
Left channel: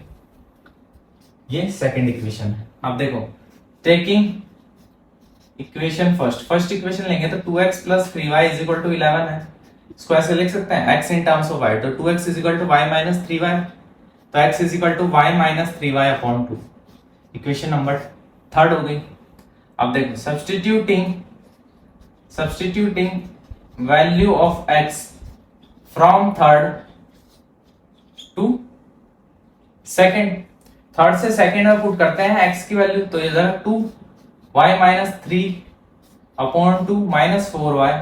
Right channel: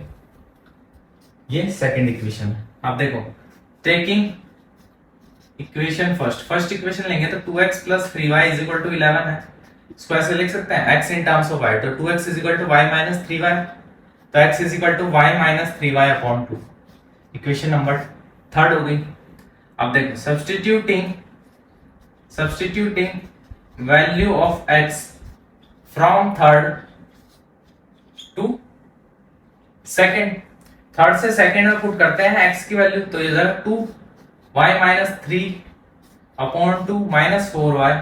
ये सेकंड इक्वेशन है। अब देखो टेकिंग इक्वेशन फर्स्ट इक्वेशन लेंगे तो 2x plus 3y is equal to 11 है। इसको ऐसे लिख सकते हैं x in terms of y, तो 2x is equal to y minus 3y, तो x is equal to y minus 3y upon 2, equation number third हो गई। अब देखो substituting value of x from third to second, third से second में put करते हैं x की वैल्यू, तो ये जरा 2y minus 3 upon 2 minus 4y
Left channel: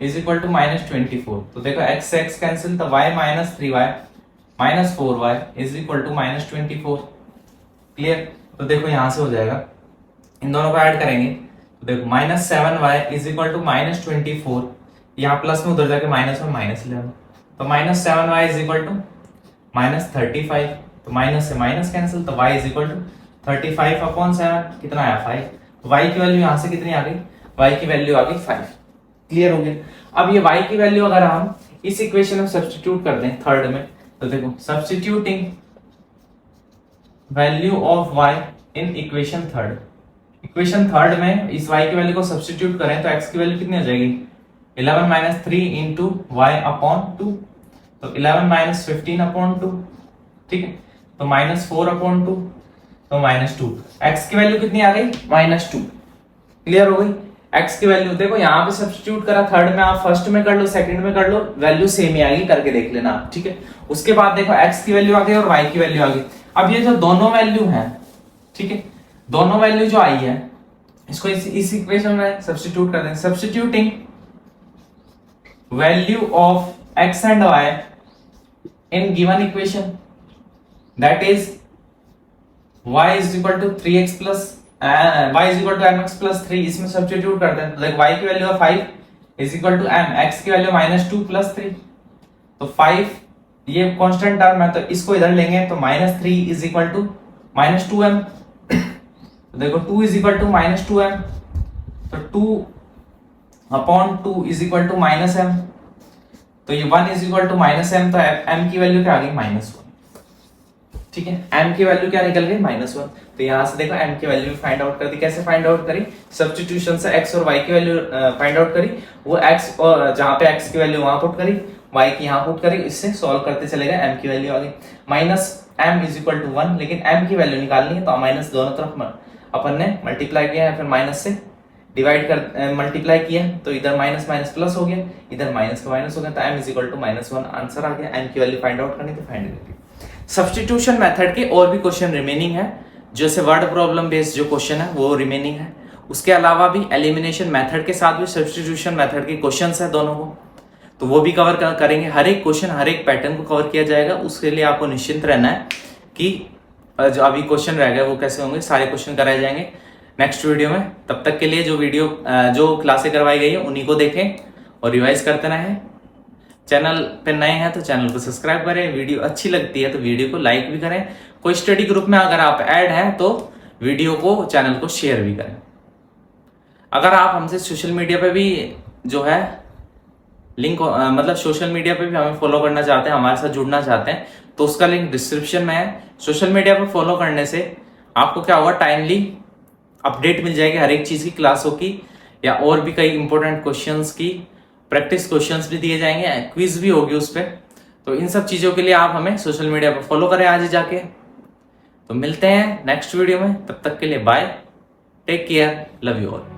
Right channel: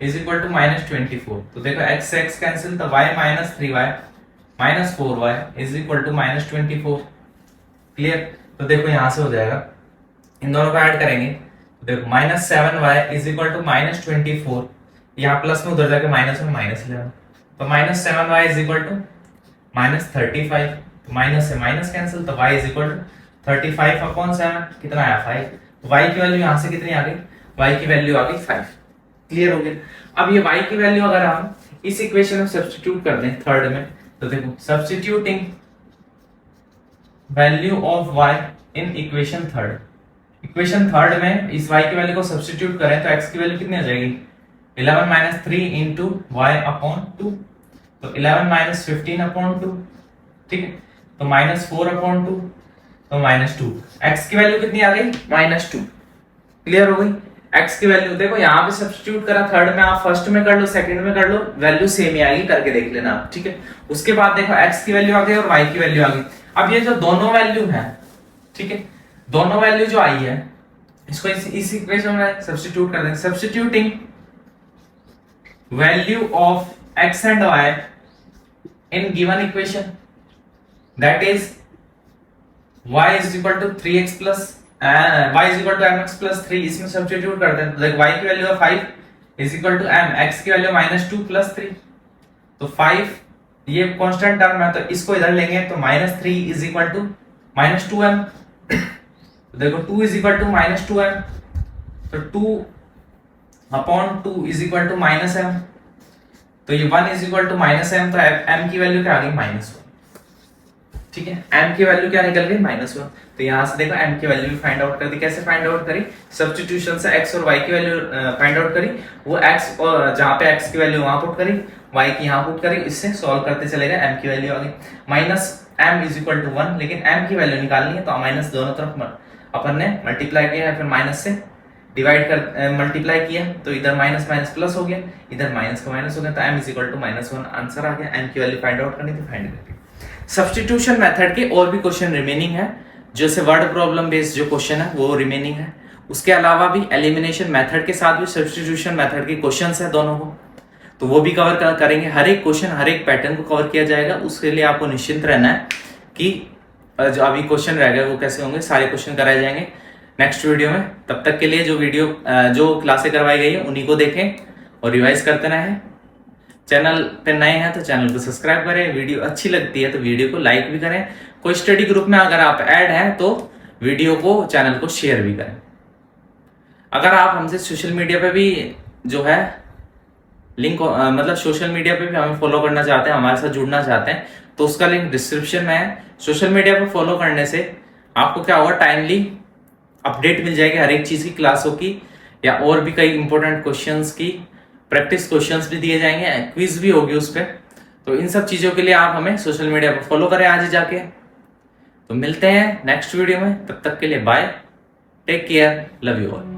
is equal to -24, तो देखो x से x कैंसिल, तो y minus 3y minus 4y is equal to -24, clear. तो देखो यहां से हो जाएगा, इन दोनों को ऐड करेंगे तो देखो -7y is equal to -24, यहाँ प्लस में उधर जाके माइनस में -11, तो -7y is equal to -35, तो माइनस से माइनस कैंसिल, तो y is equal to 35 upon 7, कितना आया 5, तो y की वैल्यू यहाँ से कितनी आ गई, y की वैल्यू आ गई 5, क्लियर हो गया। अब ये y की वैल्यू अगर हम इस इक्वेशन में सब्स्टिट्यूट कर दें थर्ड में, तो देखो substituting value of y in equation third में इस y की वैल्यू को सब्स्टिट्यूट करें तो x की वैल्यू कितनी आ जाएगी, 11 minus 3 into y upon 2, तो 11 minus 15 upon 2, ठीक है। तो -4 upon 2, तो -2, x की वैल्यू कितनी आ गई, -2, क्लियर हो गई। x की वैल्यू देखो यहाँ पे सब्स्टिट्यूट करा, थर्ड में आप फर्स्ट में कर लो, सेकंड में कर लो, वैल्यू सेम ही आएगी, करके देख लेना आप, ठीक है। उसके बाद देखो x की वैल्यू आ गई और y की वैल्यू आ गई। अब ये जो दोनों वैल्यू है, ठीक है, दोनों वैल्यू जो आई है इसको इस इक्वेशन में सब्स्टिट्यूट कर देंगे। Substituting value of x and y in given equation, that is y is equal to 3x plus y is equal to mx plus 3, इसमें सब्स्टिट्यूट करते हैं तो देखो y की वैल्यू है 5 is equal to m, x की value -2 plus 3, तो 5 ये कांस्टेंट टर्म है, तो इसको इधर लेंगे तो -3 is equal to -2m, तो देखो 2 is equal to -2m, तो 2 upon 2 is equal to -m, तो ये 1 is equal to -m, तो m की वैल्यू क्या आ गई, -1, ठीक है। m की वैल्यू क्या निकल गई, -1, तो यहां से देखो m की वैल्यू भी फाइंड आउट कर दी। कैसे फाइंड आउट करी, सब्स्टिट्यूशन से x और y की वैल्यू फाइंड आउट करी, वो x और जहां पे x की वैल्यू वहां पुट करी, y की यहां पुट करी, इससे सॉल्व करते चले गए, m की वैल्यू आ गई -m is equal to 1, लेकिन m की वैल्यू निकालनी है तो माइनस दोनों तरफ अपन ने मल्टीप्लाई किया है, फिर माइनस से डिवाइड कर मल्टीप्लाई किया तो इधर माइनस माइनस प्लस हो गया, इधर माइनस का माइनस हो गया, तो m is equal to -1 answer आ गया। m की वैल्यू फाइंड आउट करनी तो फाइंड कर ली। सब्स्टिट्यूशन मेथड के और भी क्वेश्चन रिमेनिंग है, जैसे वर्ड प्रॉब्लम बेस्ड जो क्वेश्चन है वो रिमेनिंग है। उसके अलावा भी एलिमिनेशन मेथड के साथ भी सब्स्टिट्यूशन मेथड के क्वेश्चंस है दोनों को, तो वो भी कवर करेंगे। हर एक क्वेश्चन हर एक पैटर्न को कवर किया जाएगा। उसके लिए आपको निश्चिंत रहना है कि जो अभी क्वेश्चन रह गए वो कैसे होंगे, सारे क्वेश्चन कराए जाएंगे नेक्स्ट वीडियो में। तब तक के लिए जो क्लासें करवाई गई है उन्हीं को देखें और रिवाइज करते रहें। चैनल पे नए हैं तो चैनल को सब्सक्राइब करें, वीडियो अच्छी लगती है तो वीडियो को लाइक भी करें। कोई स्टडी ग्रुप में अगर आप ऐड हैं तो वीडियो को चैनल को शेयर भी करें। अगर आप हमसे सोशल मीडिया पे भी जो है लिंक मतलब सोशल मीडिया पे भी हमें फॉलो करना चाहते हैं, हमारे साथ जुड़ना चाहते हैं, तो उसका लिंक डिस्क्रिप्शन में है। सोशल मीडिया पे फॉलो करने से आपको क्या होगा, टाइमली अपडेट मिल जाएगी हर एक चीज की, क्लासों की या और भी कई इंपॉर्टेंट क्वेश्चंस की प्रैक्टिस क्वेश्चंस भी दिए जाएंगे, क्विज भी होगी उस पर। तो इन सब चीजों के लिए आप हमें सोशल मीडिया पर फॉलो करें आज ही जाके। तो मिलते हैं नेक्स्ट वीडियो में, तब तक के लिए bye, take care, love you all.